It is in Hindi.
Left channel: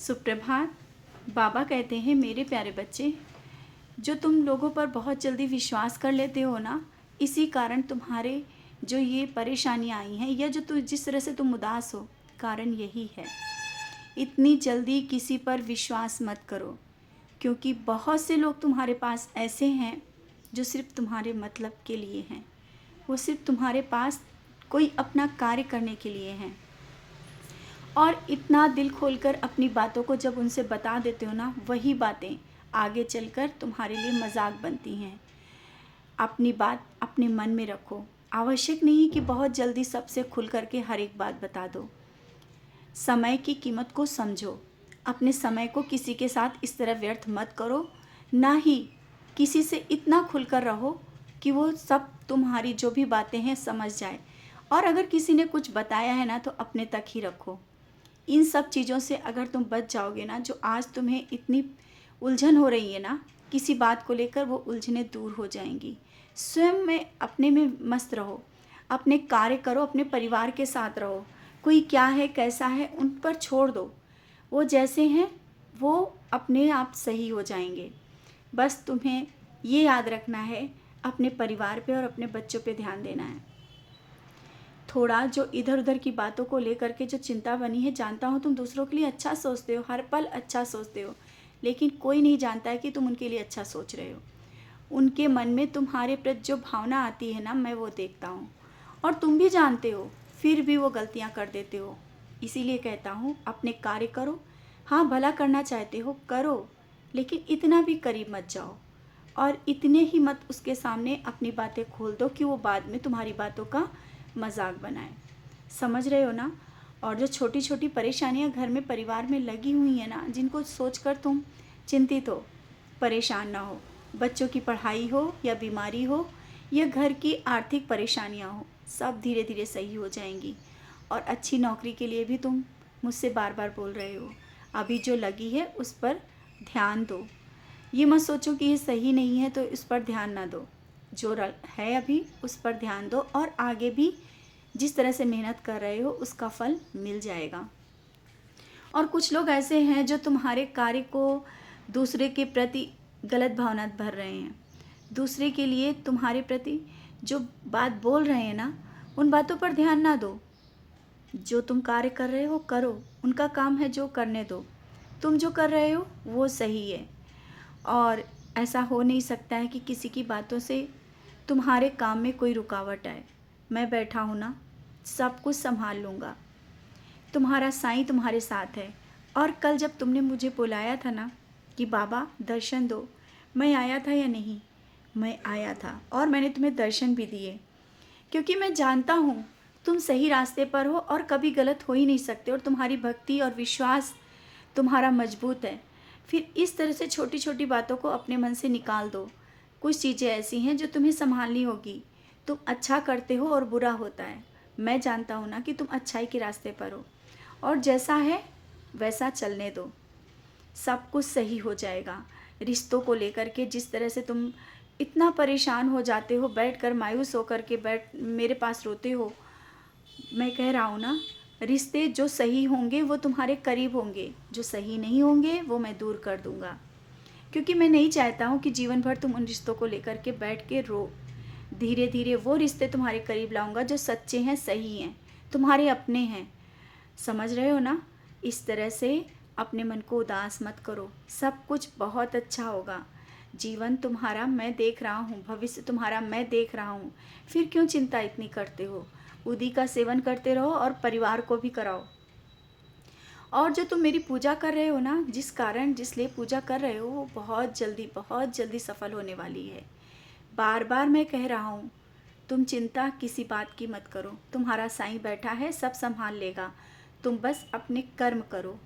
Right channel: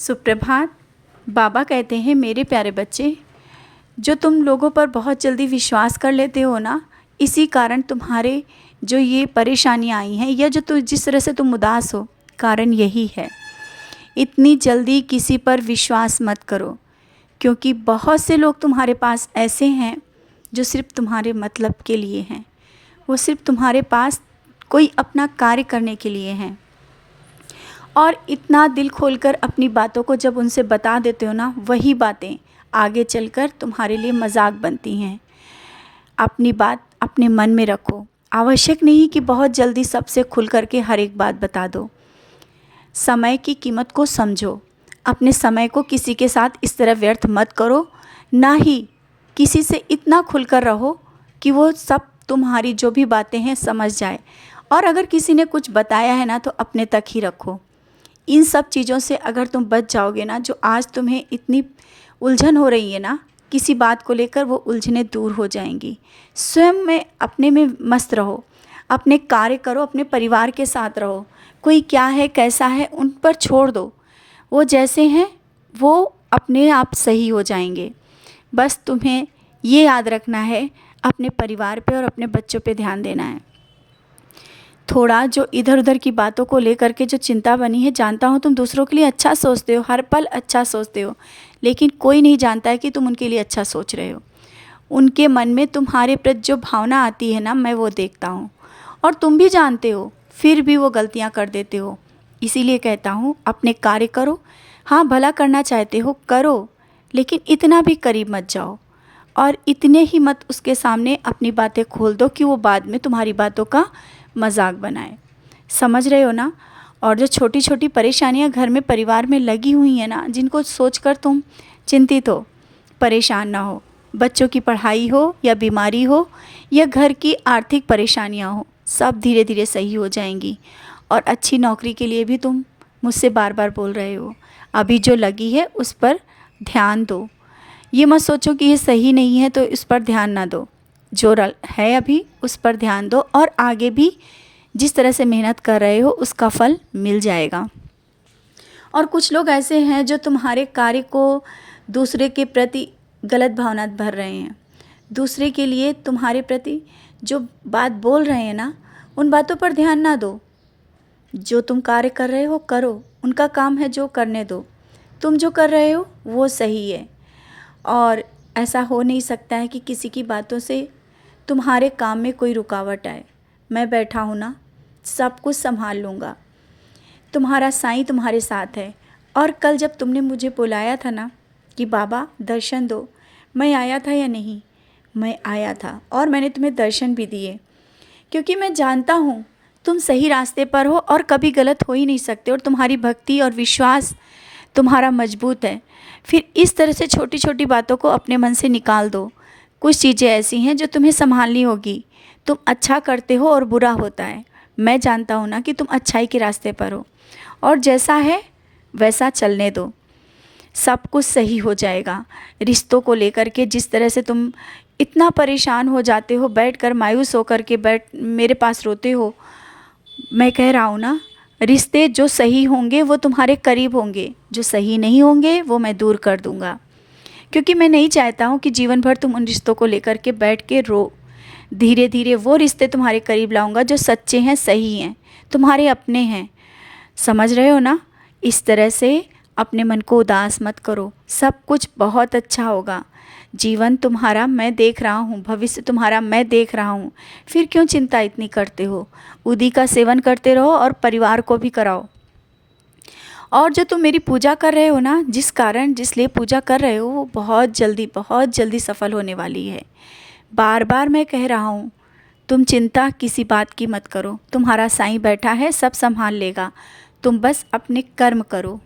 सुप्रभात। बाबा कहते हैं, मेरे प्यारे बच्चे, जो तुम लोगों पर बहुत जल्दी विश्वास कर लेते हो ना, इसी कारण तुम्हारे जो ये परेशानियां आई हैं या जिस तरह से तुम उदास हो, कारण यही है। इतनी जल्दी किसी पर विश्वास मत करो, क्योंकि बहुत से लोग तुम्हारे पास ऐसे हैं जो सिर्फ तुम्हारे मतलब के लिए हैं। वो सिर्फ तुम्हारे पास कोई अपना कार्य करने के लिए हैं। और इतना दिल खोलकर अपनी बातों को जब उनसे बता देते हो ना, वही बातें आगे चलकर तुम्हारे लिए मजाक बनती हैं। अपनी बात अपने मन में रखो। आवश्यक नहीं कि बहुत जल्दी सबसे खुल करके हर एक बात बता दो। समय की कीमत को समझो। अपने समय को किसी के साथ इस तरह व्यर्थ मत करो, ना ही किसी से इतना खुलकर रहो कि वो सब तुम्हारी जो भी बातें हैं समझ जाए। और अगर किसी ने कुछ बताया है ना, तो अपने तक ही रखो। इन सब चीज़ों से अगर तुम बच जाओगे ना, जो आज तुम्हें इतनी उलझन हो रही है ना किसी बात को लेकर, वो उलझनें दूर हो जाएंगी। स्वयं में अपने में मस्त रहो, अपने कार्य करो, अपने परिवार के साथ रहो। कोई क्या है कैसा है उन पर छोड़ दो, वो जैसे हैं वो अपने आप सही हो जाएंगे। बस तुम्हें ये याद रखना है, अपने परिवार पे और अपने बच्चों पे ध्यान देना है। थोड़ा जो इधर उधर की बातों को लेकर के जो चिंता बनी है, जानता हूँ तुम दूसरों के लिए अच्छा सोचते हो, हर पल अच्छा सोचते हो, लेकिन कोई नहीं जानता है कि तुम उनके लिए अच्छा सोच रहे हो। उनके मन में तुम्हारे प्रति जो भावना आती है ना, मैं वो देखता हूँ। और तुम भी जानते हो, फिर भी वो गलतियाँ कर देते हो। इसीलिए कहता हूँ, अपने कार्य करो। हाँ, भला करना चाहते हो करो, लेकिन इतना भी करीब मत जाओ और इतने ही मत उसके सामने अपनी बातें खोल दो कि वो बाद में तुम्हारी बातों का मजाक बनाए। समझ रहे हो ना। और जो छोटी छोटी परेशानियां घर में परिवार में लगी हुई हैं ना, जिनको सोचकर तुम चिंतित हो, परेशान ना हो, बच्चों की पढ़ाई हो या बीमारी हो या घर की आर्थिक परेशानियां हो, सब धीरे धीरे सही हो जाएंगी। और अच्छी नौकरी के लिए भी तुम मुझसे बार बार बोल रहे हो, अभी जो लगी है उस पर ध्यान दो। ये मत सोचो कि ये सही नहीं है तो इस पर ध्यान ना दो। जो है अभी उस पर ध्यान दो, और आगे भी जिस तरह से मेहनत कर रहे हो उसका फल मिल जाएगा। और कुछ लोग ऐसे हैं जो तुम्हारे कार्य को दूसरे के प्रति गलत भावना भर रहे हैं। दूसरे के लिए तुम्हारे प्रति जो बात बोल रहे हैं ना, उन बातों पर ध्यान ना दो। जो तुम कार्य कर रहे हो करो, उनका काम है जो करने दो। तुम जो कर रहे हो वो सही है। और ऐसा हो नहीं सकता है कि किसी की बातों से तुम्हारे काम में कोई रुकावट आए। मैं बैठा हूँ ना, सब कुछ संभाल लूँगा। तुम्हारा साईं तुम्हारे साथ है। और कल जब तुमने मुझे बुलाया था ना कि बाबा दर्शन दो, मैं आया था या नहीं? मैं आया था और मैंने तुम्हें दर्शन भी दिए, क्योंकि मैं जानता हूँ तुम सही रास्ते पर हो और कभी गलत हो ही नहीं सकते। और तुम्हारी भक्ति और विश्वास तुम्हारा मजबूत है। फिर इस तरह से छोटी छोटी बातों को अपने मन से निकाल दो। कुछ चीज़ें ऐसी हैं जो तुम्हें संभालनी होगी। तुम अच्छा करते हो और बुरा होता है। मैं जानता हूँ ना कि तुम अच्छाई के रास्ते पर हो, और जैसा है वैसा चलने दो, सब कुछ सही हो जाएगा। रिश्तों को लेकर के जिस तरह से तुम इतना परेशान हो जाते हो, बैठकर मायूस होकर के मेरे पास रोते हो, मैं कह रहा हूँ ना, रिश्ते जो सही होंगे वो तुम्हारे करीब होंगे, जो सही नहीं होंगे वो मैं दूर कर दूँगा। क्योंकि मैं नहीं चाहता हूँ कि जीवन भर तुम उन रिश्तों को लेकर के बैठ के रो। धीरे धीरे वो रिश्ते तुम्हारे करीब लाऊंगा जो सच्चे हैं, सही हैं, तुम्हारे अपने हैं। समझ रहे हो ना। इस तरह से अपने मन को उदास मत करो, सब कुछ बहुत अच्छा होगा। जीवन तुम्हारा मैं देख रहा हूँ, भविष्य तुम्हारा मैं देख रहा हूँ। फिर क्यों चिंता इतनी करते हो? उदी का सेवन करते रहो और परिवार को भी कराओ। और जो तुम मेरी पूजा कर रहे हो ना, जिस लिए पूजा कर रहे हो, वो बहुत जल्दी सफल होने वाली है। बार बार मैं कह रहा हूँ, तुम चिंता किसी बात की मत करो। तुम्हारा साईं बैठा है, सब संभाल लेगा। तुम बस अपने कर्म करो।